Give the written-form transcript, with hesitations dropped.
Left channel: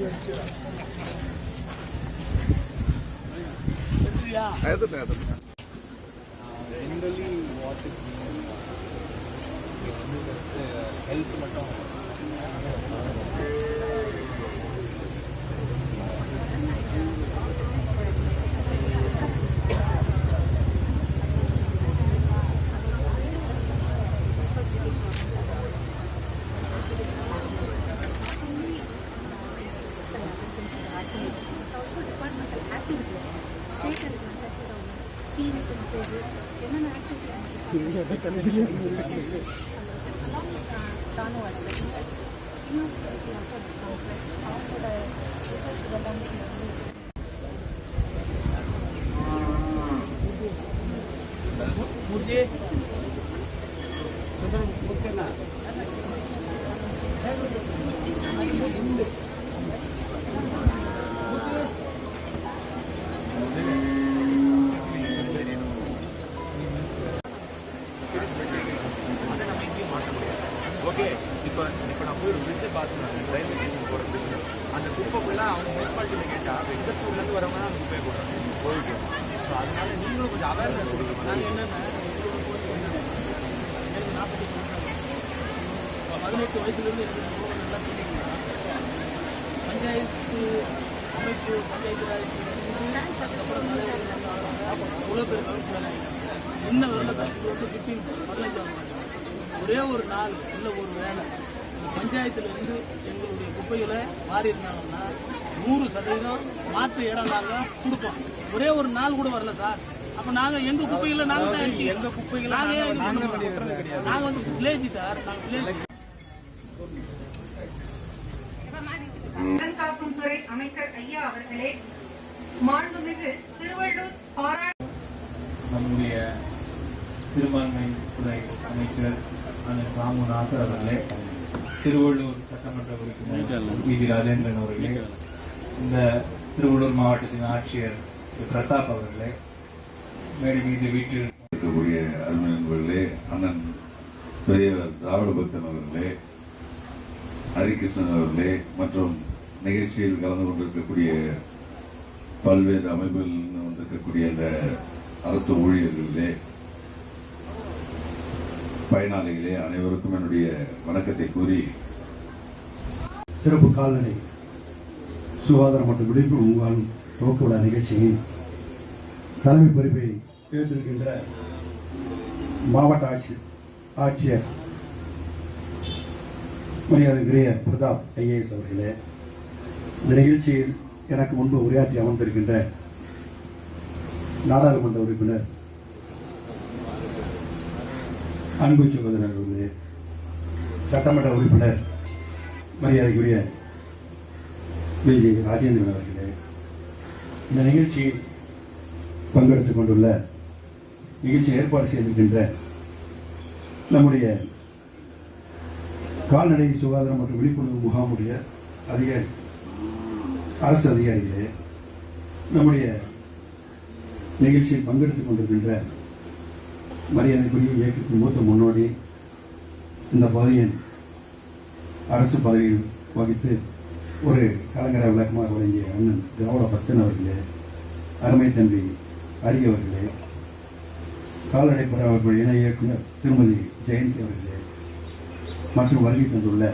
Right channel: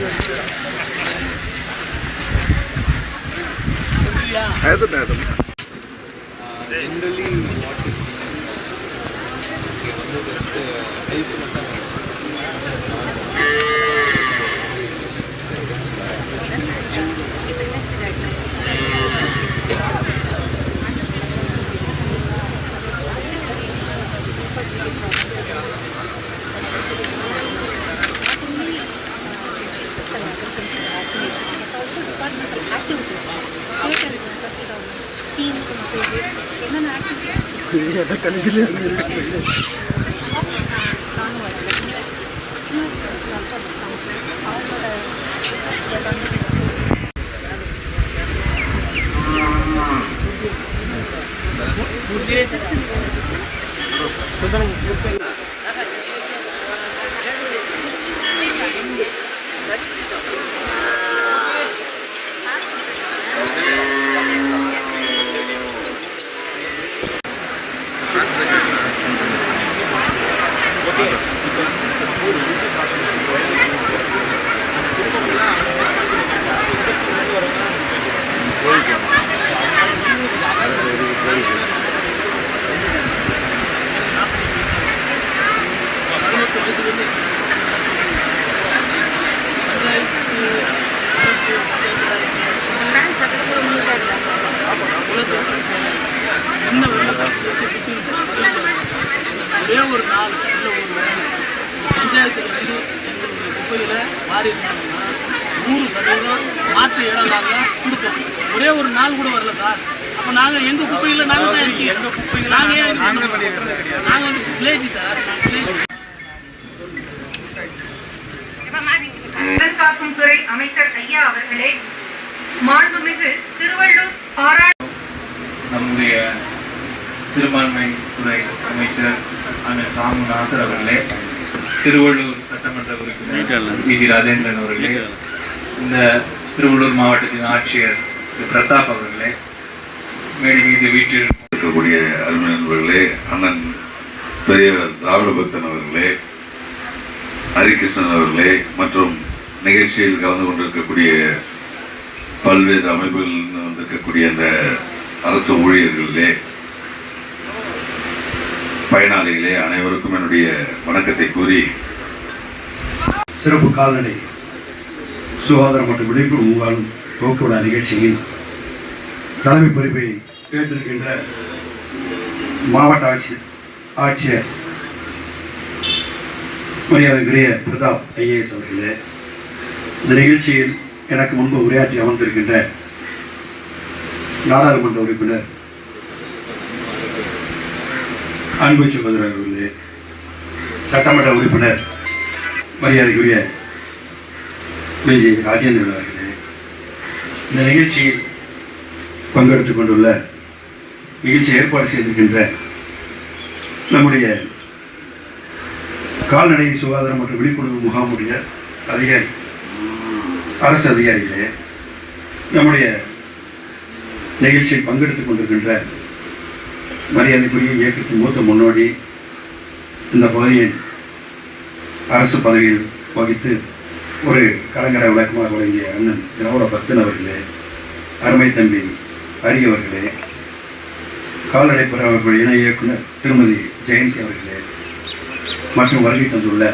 Generally, what is just health மட்டும் ஒரே ஒரு நாள் இல்லை ஒரு வேலை பஞ்சாயத்துலேருந்து எங்களுடைய குப்பையில் மாறி இருந்தாங்கன்னா 100% மாற்று இடம் நாங்கள் கொடுப்போம். ஒரே ஒரு நாள் கூட வரல சார். அப்போ நாங்கள் எங்கள் குப்பையில் நாங்கள் தான் இருக்கோம். எங்கள் குப்பையில் நாங்கள் வந்து வில்லேஜ் சார். நாங்கள் வில்லேஜ். காக்கும் துறை அமைச்சர் ஐயா அவர்களே, மாண்புமிகு திருவள்ளூர் பாராட்டு நம்முடைய சிறுபான்மை துறை அமைச்சர் அண்ணன் சாமு நாசர் அவர்களே, திருவள்ளூர் சட்டமன்ற உறுப்பினர் வி.ஜி. ராஜேந்திரன் அவர்களே, இந்த திருவள்ளூர் மாவட்டத்தின் ஆட்சியர் பிரதாப் அவர்களே, மேடை மீது வீட்டில் இருக்கக்கூடிய அருமை நண்பர்களே, அண்ணன் பெரியவர் திராவிட பக்தன் அவர்களே, ஹரிகிருஷ்ணன் அவர்களே, மற்றும் நிகழ்ச்சியில் கலந்து கொண்டிருக்கக்கூடிய பல்வேறு அமைப்புகளில் வந்திருக்கக்கூடிய இந்த அரசு ஊழியர்களே, பயனாளிகளே, அனைவருக்கும் என்னுடைய வணக்கத்தை கூறி, சிறப்பு கால்நடை சுகாதாரம் மற்றும் விழிப்புணர்வு முகாம் போக்குவரத்து நிகழ்ச்சியில் தலைமை பொறுப்பை ஏற்றிருக்கின்ற மாவட்ட ஆட்சியர் மரியாதைக்குரிய பிரதாப் ஐஏஎஸ் அவர்களே, இந்த நிகழ்ச்சியில் எனக்கு முன்பு உரையாற்றி அமர்ந்திருக்கின்ற நாடாளுமன்ற உறுப்பினர் அன்பு சகோதரர் அவர்களே, சட்டமன்ற உறுப்பினர் மரியாதைக்குரிய வி.ஜி. ராஜேந்திரன் அவர்களே, இந்த நிகழ்ச்சியில் பங்கெடுத்துக் கொண்டுள்ள நிகழ்ச்சி ஏற்பாடு செய்திருக்கின்ற நம்முடைய கால்நடை சுகாதாரம் மற்றும் விழிப்புணர்வு முகாமுடைய அரசு அதிகாரிகளே, நம்முடைய நிகழ்ச்சியில் பங்கெடுத்துக் கொண்டிருக்கின்ற மரியாதைக்குரிய இயக்கத்தின் மூத்த முன்னோடி, இந்த பகுதியின் அரசு பதவியில் வகித்து ஒரு கலைஞரை விளக்கமாக வழங்கிய அண்ணன் திராவிட பக்தன் அவர்களே, அருமை தம்பி ஹரி அவர்களே, கால்நடை பராமரிப்பு இணை இயக்குனர் திருமதி ஜெயந்தி அவர்களே, மற்றும் வருகை தந்துள்ள